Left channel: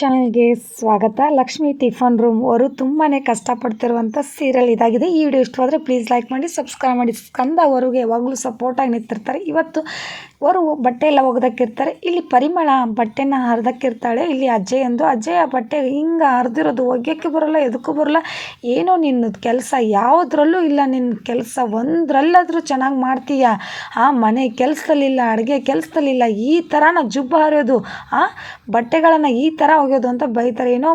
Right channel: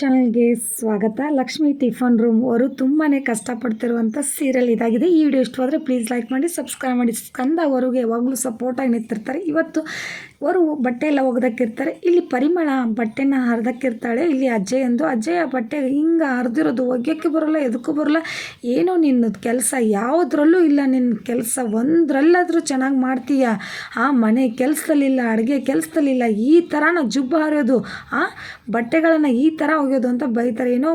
ಚಾನಲ್ಗೆ ಸ್ವಾಗತ. Lakshmi tiffin room ಅವರು ತುಂಬಾ ಕಷ್ಟಪಡ್ತಿರುವಂಥ ಸೀರಿಯಲ್ ಇದಾಗಿದೆ. ಈ ವಿಡಿಯೋ ಇಷ್ಟವಾದರೆ ಪ್ಲೀಸ್ ಲೈಕ್ ಮಾಡಿ ಸಬ್ಸ್ಕ್ರೈಬ್ ಮಾಡಿ. ಸ್ಕಂದ ಅವರಿಗೆ ಯಾವಾಗಲೂ ಸಪೋರ್ಟಾಗಿ ನಿಂತಿರ್ತಾರೆ. ಇವತ್ತು ಅವರು ಬಟ್ಟೆ ಎಲ್ಲ ಒಗ್ದಕ್ಕಿರ್ತಾರೆ. ಇಲ್ಲಿ ಪರಿಮಳ ಬಟ್ಟೆನ ಹರಿದಕ್ಕಿರ್ತಾಳೆ. ಇಲ್ಲಿ ಅಜ್ಜಯ್ ಅಂದು ಅಜ್ಜಯ್ಯ ಬಟ್ಟೆ ಹಿಂಗೆ ಹರಿದಿರೋದು ಒಗ್ಯೋಕ್ಕೆ ಬರೋಲ್ಲ, ಎದಕ್ಕೂ ಬರೋಲ್ಲ. ಏನೋ ನಿನ್ನ ಕೆಲಸ ಯಾವುದ್ರಲ್ಲೂ ಇಲ್ಲ. ನಿನ್ನ ಕೆಲಸ ಒಂದರಲ್ಲಾದರೂ ಚೆನ್ನಾಗಿ ಮಾಡ್ತೀಯ? ಆ ಮನೆ ಕೆಲಸದಲ್ಲಿಲ್ಲ, ಅಡುಗೆ ಕೆಲಸದಲ್ಲಿಲ್ಲ. ಈ ಥರನ ಜುಬ್ಬ ಹರಿಯೋದು, ಆ ಬಟ್ಟೆಗಳನ್ನು ಈ ಥರ ಒಗೆಯೋದು ಅಂತ ಬೈತಾರೆ. ಏನೋ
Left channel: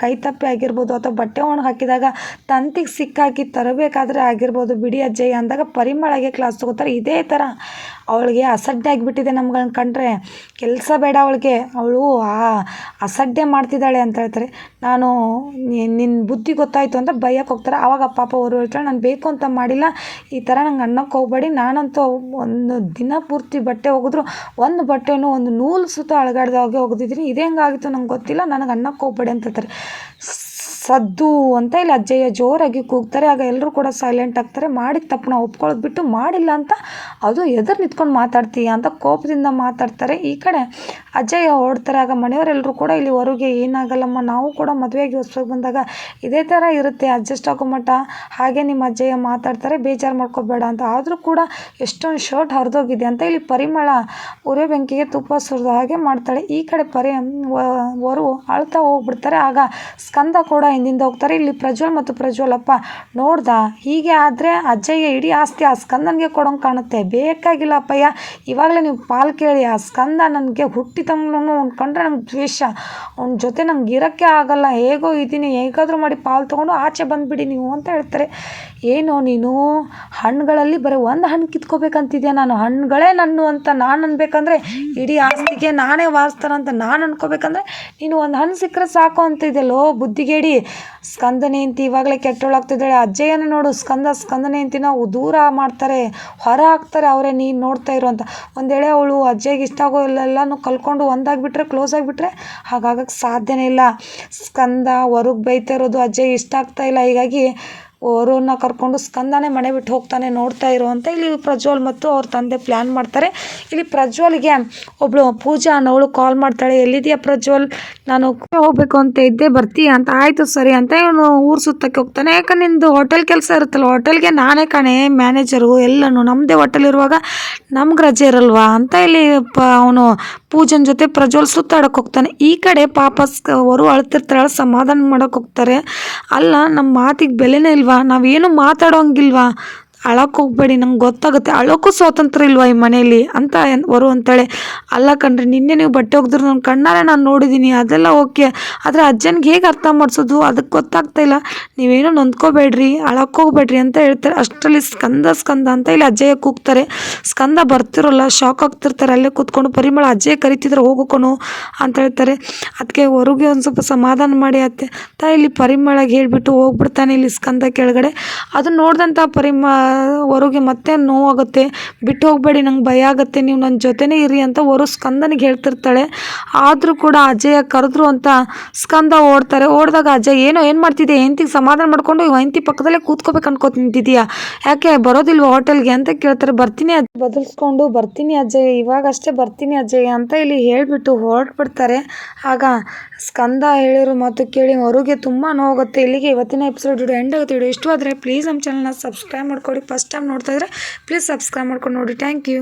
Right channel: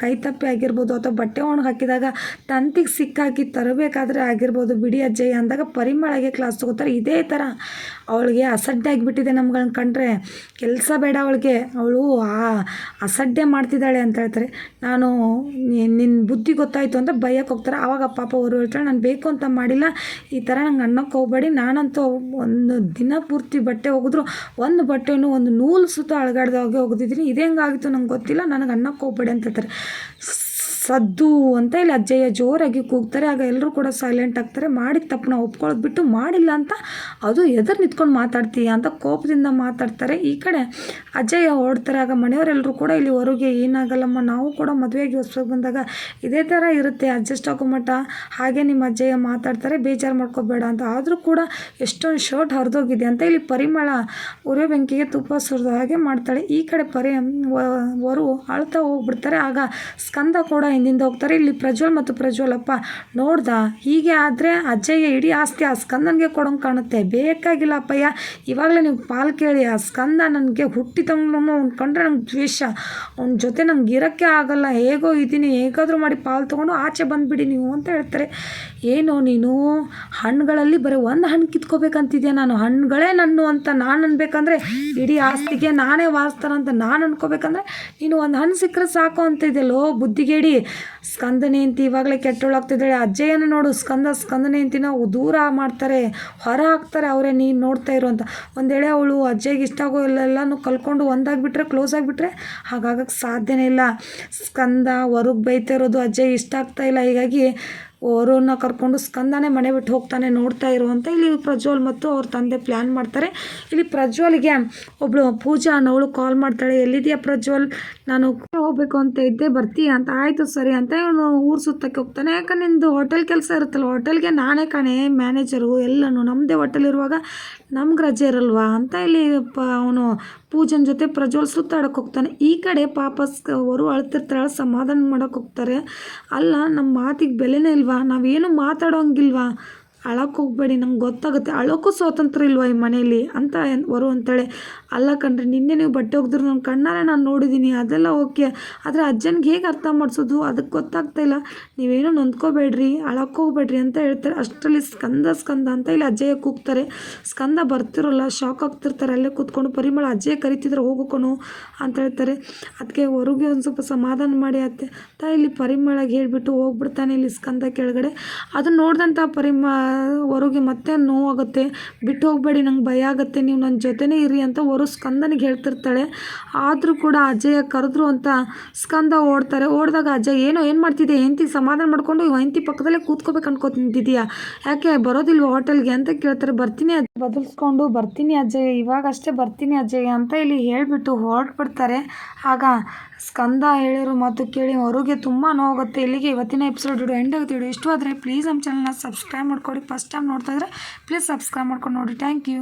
ಕೈ ತಪ್ಪಿ ಆಗಿರ್ಬೋದು ಅಥವಾ ಬಟ್ಟೆ ಒಣಗಿ ಹಾಕಿದಾಗ ತಂತಿಗೆ ಸಿಕ್ಕಾಕಿ ತರಬೇಕಾದ್ರೆ ಆಗಿರ್ಬೋದು. ಬಿಡಿ ಅಜ್ಜಯ್ಯ ಅಂದಾಗ ಪರಿಮಳಗೆ ಕ್ಲಾಸ್ ತಗೋತಾರೆ. ಇದೇ ಥರ ಅವಳಿಗೆ ಅಸಡ್ಡೆ ಆಗಿಬಿಟ್ಟಿದೆ ನಮ್ಗಳನ್ನ ಕಂಡ್ರೆ. ಕೆಲಸ ಬೇಡ ಅವಳಿಗೆ. ಅವಳು, ಆ, ಅಸಡ್ಡೆ ಮಾಡ್ತಿದ್ದಾಳೆ ಅಂತ ಹೇಳ್ತಾರೆ. ನಾನು ನಿನ್ನ ಬುದ್ಧಿ ಗೊತ್ತಾಯಿತು ಅಂತ ಬೈಯಕ್ಕೆ ಹೋಗ್ತಾರೆ. ಆವಾಗ ಪಾಪ ಅವರು ಹೇಳ್ತಾರೆ, ನಾನು ಬೇಕು ಅಂತ ಮಾಡಿಲ್ಲ. ಈ ಥರ ನಂಗೆ ಅನ್ನಕ್ಕೆ ಹೋಗ್ಬೇಡಿ. ನಾನಂತೂ ಒಂದು ದಿನ ಪೂರ್ತಿ ಬಟ್ಟೆ ಹೋಗಿದ್ರು ಒಂದು ಬಟ್ಟೆನೂ ಒಂದು ನೂಲು ಸುತ್ತ ಅಳಗಾಡ್ದಾಗೆ ಹೋಗಿದ್ದೀನಿ ಇದೇ ಹೆಂಗಾಗಿತ್ತು ನಂಗೆ ಗೊತ್ತಿಲ್ಲ. ನನಗೆ ಅನ್ನಕ್ಕೆ ಹೋಗ್ಬೇಡಿ ಅಂತ ಹೇಳ್ತಾರೆ. ಸದ್ದು ಅಂತ ಇಲ್ಲಿ ಅಜ್ಜಯ್ಯ ಜೋರಾಗಿ ಕೂಗ್ತಾರೆ. ಆಗ ಎಲ್ಲರೂ ಕೂಡ ಸೈಲೆಂಟ್ ಆಗ್ತಾರೆ. ಮಾಡಿದ ತಪ್ಪನ್ನ ಒಪ್ಕೊಳ್ಳೋದು ಬಿಟ್ಟು ಮಾಡಿಲ್ಲ ಅಂತ ಅದು ಎದುರು ನಿಂತ್ಕೊಂಡು ಮಾತಾಡ್ತೀಯ ಅಂತ ಕೋಪದಿಂದ ಮಾತಾಡ್ತಾರೆ. ಈ ಕಡೆ ಅಜ್ಜಯ್ಯ ಓಡ್ತಾರೆ ಆಗ ಮನೆಯವರೆಲ್ಲರೂ ಕೂಡ ಇಲ್ಲಿ ಹೊರಗೆ ಏನಾಗಲ್ಲಮ್ಮ, ನಾವು ಕೂಡ ಮದುವೆಗೆ ಹೊಸ್ದಾಗಿ ಬಂದಾಗ ಇದೇ ಥರ ಇರುತ್ತೆ. ಅಡ್ಜಸ್ಟ್ ಆಗೋ ಮಟ್ಟ ಹಾಗೆ ನಿಮ್ಮ ಅಜ್ಜಯ್ಯ ಮಾತಾಡ್ತಾರೆ, ಬೇಜಾರು ಮಾಡ್ಕೋಬೇಡ ಅಂತ. ಆದರೂ ಕೂಡ ಎಷ್ಟೊಂದು ಶರ್ಟ್ ಹರಿದೋಗಿದೆ ಅಂತ ಇಲ್ಲಿ ಪರಿಮಳ ಉರಿ ಬೆಂಕಿಗೆ ತುಪ್ಪ ಸುರಿದ ಹಾಗೆ ಮಾಡ್ತಾಳೆ. ಈ ಕಡೆ ಪರಿ ವರು ಅಳ್ತಾ ಹೋಗ್ಬಿಡ್ತಾರೆ. ಆಗ ಸ್ಕಂದ ಕೂಡ ಹಿಂದಿಂದ ಹೋಗ್ತಾರೆ. ಇಲ್ಲಿ ಪ್ರಜ್ವಲ್ ಮತ್ತು ಪ್ರಜ್ವಲಪ್ಪ, ನೋಡ್ದ? ಹೀಗೆ ಆದರೆ ಅಜ್ಜಯ್ಯ ಇಡೀ ಆಸ್ತಿ ಆ ಸ್ಕಂದನಿಗೆ ಕೊಡೋಂಗೆ ಕಾಣುತ್ತೆ. ಬೇಕಾಗಿಲ್ಲ ಅಪ್ಪಯ್ಯ, ಇವಾಗಲೇ ನೀವು ಪಾಲು ಕೇಳಿ. ಆ ಸ್ಕಂದ ನನಗೆ ಹುಟ್ಟಿದಂಗ್ಲೂ ಕಂಡ್ರೆ ನಂಗೆ ದ್ವೇಷ ಅವ್ನ ಜೊತೆ ನಮ್ಗೆ ಇರೋಕ್ಕೆ ಆಗಲ್ಲ ಹೇಗೋ ಇದ್ದೀನಿ ಹೇಗಾದರೂ ಮಾಡಿ ಪಾಲು ತೊಗೊಂಡು ಆಚೆ ಬಂದುಬಿಡಿ ನೀವು ಅಂತ ಹೇಳ್ತಾರೆ ಏನೋ ನೀನು ಹಣ್ಣುಗಳಲ್ಲಿ ಬರೀ ಒಂದು ಹಣ್ಣು ಕಿತ್ಕೋಬೇಕಂತಿದ್ಯಾ ನಾನು? ಹಣ್ಣುಗಳೇ ನನ್ನು ಅಂತ ನಾನು ಅನ್ಬೇಕಂದ್ರೆ ಇಡೀ ಆಸ್ತಿಗೆ ನಾನೇ ಅಂತ ನಾನು ಅನ್ಕೋಬೇಕಂದ್ರೆ ನೀನು ಒಂದು ಹಣ್ಣು ಸಿಕ್ಕರೆ ಸಾಕು ಅಂತಿದ್ದೆಲ್ಲೋ ಬುದ್ಧಿಗೇಡಿ? ಸ್ಕಂದನೆ ಅಂತ ಇವಾಗಲೇ ಕೆಟ್ಟೋಳಾಗ್ತಿದ್ದಾಳೆ. ಅಜ್ಜಯ್ಯನ ನೋಡು, ಸ್ಕಂದ, ಸ್ಕಂದನೆ ನಾವು ದೂರ ಮಾಡ್ತಾರೆ, ಹೊರ ಹಾಕ್ತಾರೆ ಅವರೇ ನೀನು ನೋಡ್ತಾ ಇರೋ ಅಂತ. ಒಂದೇಳೆ ಅವಳು ಅಜ್ಜಯ್ಯಗೆ ಇಷ್ಟ ಆಗೋ ಎಲ್ಲನೂ ಕಲ್ಕೊಂಡು ಒಂದಾಗಿಬಿಟ್ರೆ, ಕ್ಲೋಸ್ ಆಗಿಬಿಟ್ರೆ ಹಾಗಾಗಕ್ಕೆ ಸಾಧ್ಯನೇ ಇಲ್ಲ. ಸ್ಕಂದ ಹೊರಗೆ ಬೈತಾ ಇರೋದು ಅಜ್ಜಯ್ಯ ಇಷ್ಟ ಆಗ್ತಾ ಇಲ್ಲ. ಹೀಗಾಗಿ ಅವರನ್ನ ಕರ್ಕೊಂಡು ಸ್ಕಂದನೇ ಮನೆ ಬಿಟ್ಟು ಹೋಗ್ತಾನೆ ನೋಡ್ತಾ ಇರೋ ಅಂತ ಇಲ್ಲಿ ಪ್ರಜ್ವಲ್ ಮತ್ತು ಅವ್ರ ತಂದೆ ಪ್ಲ್ಯಾನ್ ಮಾಡ್ತಾರೆ. ಇಲ್ಲಿ ಪ್ರಜ್ವಲ್ಗೆ ಒಬ್ಬಳು ಪೂಜಾ ಅನ್ನೋಳು ಕಾಲ್ ಮಾಡ್ತಾಳೆ. ಎಲ್ಲಿದೆಯಾ ಪ್ರಜ್ವಲ್? ನಾನು ಹೋಗಬೇಕು ಅಂತ ಇದ್ದೆ, ಬರ್ತೀಯ ಅಂತ. ಆಯಿತು ಸರಿ ಅಂತ ಇವನು ಊರು ಸುತ್ತಕ್ಕೆ ಹೋಗ್ತಾನೆ. ಯಾಕಂದ್ರೆ ನಿಂದು ಹೋಟೆಲ್ ಕೆಲಸ ಇರುತ್ತಲ್ಲ ಹೋಟೆಲ್ಗೆ ನಾನೇ ಕಾಣೆ ಮ್ಯಾನೇಜರು ಎಲ್ಲನೂ. ನಮ್ಮದೇ ಹೋಟೆಲ್ ಇರುವಾಗ ನಮ್ಗೆ ರಜೆ ಇರಲ್ವಾ ಅಂತ ಇಲ್ಲಿ ಪ, ಅವನು ಪೂಜನ್ ಜೊತೆ ಪ್ರಜ್ವಲ್ ಸುತ್ತಾಡಕ್ಕೆ ಹೋಗ್ತಾನೆ. ಈ ಕಡೆ ಪಾಪ ಅವರು ಅಳ್ತಿರ್ತಾಳೆ, ಸಮಾಧಾನ ಮಾಡೋಕೆ ಹೋಗ್ತಾರೆ. ಅಲ್ಲ ನಮ್ಮ ಮಾತಿಗೆ ಬೆಲೆನೇ ಇಲ್ವಾ? ನಾವೇನು ಮಾತಾಡೋಂಗಿಲ್ವಾ? ಅಳಕ್ಕೆ ಹೋಗ್ಬೇಡಿ, ನಂಗೆ ಗೊತ್ತಾಗುತ್ತೆ. ಅಳೋಕ್ಕೂ ಸ್ವಾತಂತ್ರ್ಯ ಇಲ್ವಾ ಈ ಮನೆಯಲ್ಲಿ? ಅಂತ ವರು ಅಂತಾಳೆ, ಅಲ್ಲ ಕಣ್ರಿ, ನಿನ್ನೆ ನೀವು ಬಟ್ಟೆ ಹೋಗಿದ್ರು ನನ್ನ ಕಣ್ಣಾರೆ ನಾನು ನೋಡಿದ್ದೀನಿ ಅದೆಲ್ಲ ಓಕೆ. ಆದರೆ ಅಜ್ಜನಿಗೆ ಹೇಗೆ ಅರ್ಥ ಮಾಡಿಸೋದು? ಅದಕ್ಕೆ ಗೊತ್ತಾಗ್ತಾ ಇಲ್ಲ. ನೀವೇನೋ ನೊಂದ್ಕೋಬೇಡ್ರಿ ಅಳಕ್ಕೆ ಹೋಗ್ಬೇಡ್ರಿ ಅಂತ ಹೇಳ್ತಾರೆ. ಅಷ್ಟರಲ್ಲಿ ಸ್ಕಂದ ಸ್ಕಂದ ಅಂತ ಇಲ್ಲಿ ಅಜ್ಜಯ್ಯ ಕೂಗ್ತಾರೆ. ಸ್ಕಂದ ಬರ್ತಿರೋಲ್ಲ ಶಾಕ್ ಆಗ್ತಿರ್ತಾರೆ. ಅಲ್ಲೇ ಕೂತ್ಕೊಂಡು ಪರಿಮಳ ಅಜ್ಜಯ್ಯ ಕರಿತಿದ್ರೆ ಹೋಗೋಕೊನು ಅಂತ ಹೇಳ್ತಾರೆ. ಅದಕ್ಕೆ ಹೊರಗೆ ಒಂದು ಸ್ವಲ್ಪ ಸಮಾಧಾನ ಮಾಡಿ ಅತ್ತೆ. ತಾ ಇಲ್ಲಿ ಪರಿಮಳಗೆ ಹೇಳಿಬಿಟ್ಟು ಹೋಗ್ಬಿಡ್ತಾನೆ ಇಲ್ಲಿ ಸ್ಕಂದ ಕೆಳಗಡೆ. ಅದನ್ನ ನೋಡಿದಂಥ ಪರಿಮ ಹೊರಗೆ ಮತ್ತೆ ನೋವಾಗುತ್ತೆ. ಬಿಟ್ಟು ಹೋಗಬೇಡಿ, ನಂಗೆ ಭಯ ಆಗುತ್ತೆ. ನೀವು ನನ್ನ ಜೊತೆನೇ ಇರಿ ಅಂತ ಹೊರ ಸ್ಕಂದನಿಗೆ ಹೇಳ್ತಿರ್ತಾಳೆ. ಆದರೂ ಕೂಡ ಅಜಯ ಕರೆದ್ರು ಅಂತ ಸ್ಕಂದ ಓಡ್ತಾರೆ. ಓಡಿದಾಗ ಅಜಯ್, ಏನೋ, ಏನು ಮಾಡ್ತಿದ್ದೆ ಹೆಂತಿಗೆ ಸಮಾಧಾನ ಮಾಡಿಕೊಂಡು ಹೆಂತಿ ಪಕ್ಕದಲ್ಲೇ ಕೂತ್ಕೋಬೇಕು ಅನ್ಕೋತಿದ್ಯಾ ಯಾಕೆ ಬರೋದಿಲ್ವ ಹೋಟೆಲ್ಗೆ? ಅಂತ ಕೇಳ್ತಾರೆ. ಬರ್ತೀನಿ ಅಜ್ಜ ಬದಲಿಸ್ಕೊಂಡು ಬರ್ತೀನಿ ಅಜಯ್. ಇವಾಗಷ್ಟೇ ಬರ್ತೀನಿ ಅಜಯ್ ಅಂತ ಇಲ್ಲಿ ಹೇಳಿಬಿಟ್ಟು ಹೊರಟ್ಬಿಡ್ತಾರೆ. ಆಗ ಸ್ಕಂದ ಹೇಳಿರೋ ಮಾತು ಕೇಳಿ ಹೊರಗೆ ತುಂಬ ನೋವಾಗುತ್ತೆ. ಇಲ್ಲಿಗೆ ಇವತ್ತಿನ ಎಪಿಸೋಡ್ ವಿಡಿಯೋ ಎಂಡ್ ಆಗುತ್ತೆ. ವಿಡಿಯೋ ಇಷ್ಟವಾದರೆ ಪ್ಲೀಸ್ ನಮ್ಮ ಚಾನಲ್ನ ಸಬ್ಸ್ಕ್ರೈಬ್ ಮಾಡ್ಕೊಳ್ಳಿ ಫಸ್ಟ್ ಟೈಮ್ ನೋಡ್ತಾ ಇದ್ರೆ ಪ್ಲೀಸ್ ಸಬ್ಸ್ಕ್ರೈಬ್ ಮಾಡ್ಕೊಂಡು ನೋಡಿ. Thank you